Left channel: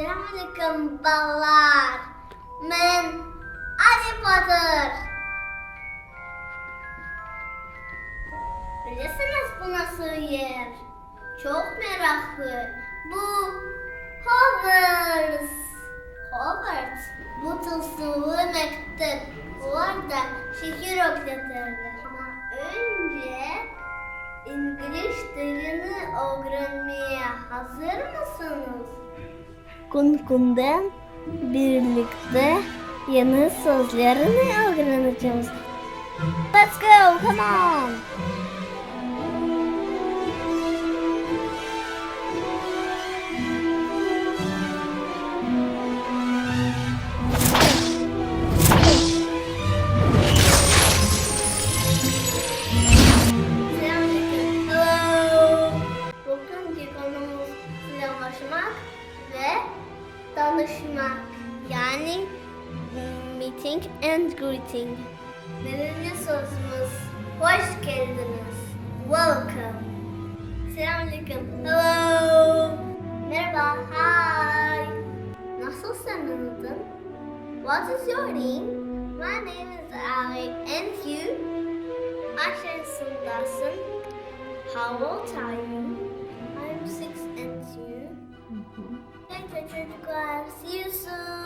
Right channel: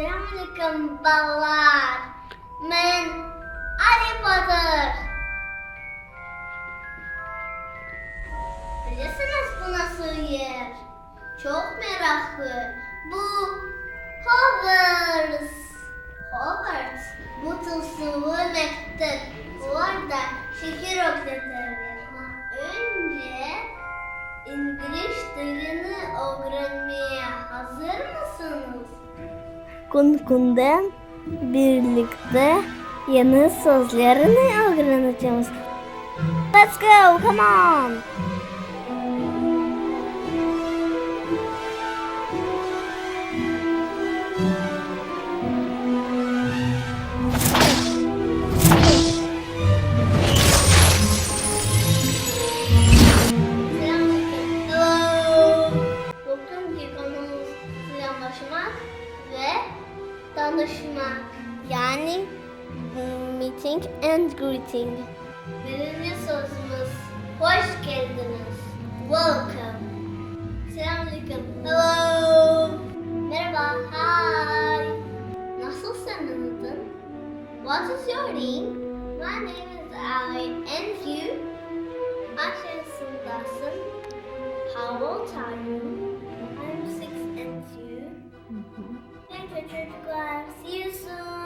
Selamünaleyküm ballar. Ben Harry Potter. Bilirsiniz bu nasıl yer? Çok meraklı. Bu Hogwarts. Hogwarts. Bu tılsımlı mektup. Orada şehir oklatırlar. Ama önce İngilizce'de öğrenmeye hazır mısınız? Kunkun'dan birlikte yeni sözlerini öğreneceğiz. Let's go, come on. Selamünaleyküm. Hello. Bugünkü konumuz selamlaşmak ve tanışmak. Yani meeting and greeting. Birinci sözümüz hoş geldiniz. Welcome. Selamünaleyküm. Hello. Merhaba. Hi. Nasılsın adın? What is your name? My name is Ali. And you? Kaç yaşındasın? How old are you? I'm 6 and you? Thank you çocuklar. See you soon.